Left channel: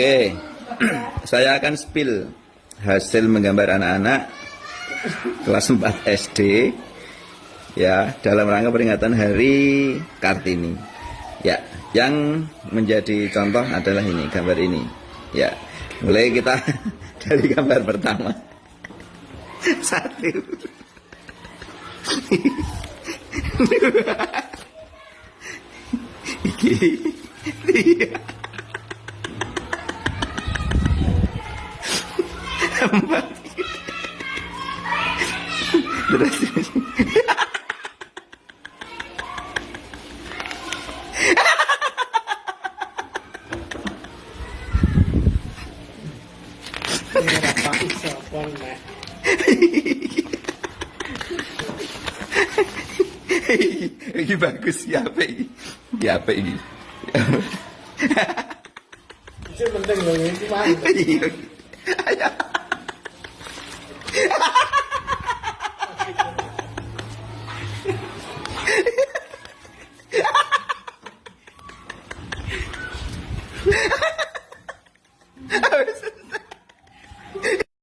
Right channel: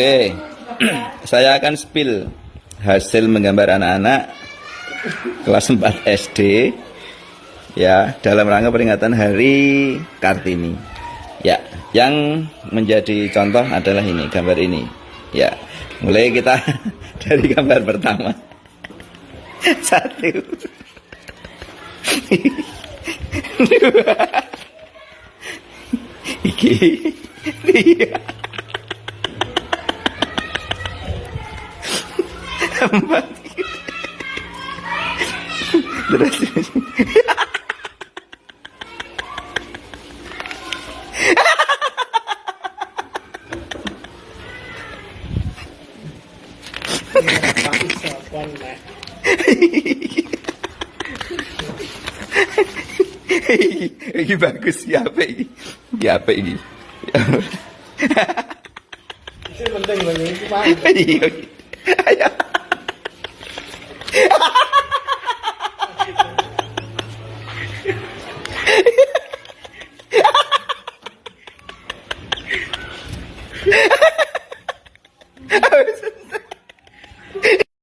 Oke, saya akan spill hasil menggambar anak-anak kelas 4 SD ya, dalam rangka peringatan Hari Kartini. Ya, yang menjadi contoh adalah ini, gambar ini. Ya, mulai kita dari gambar pertama. 1 2 3 4 terus ini bagus ya, apa ini? Ya apa ini? Itu penting banget itu mah. Iya.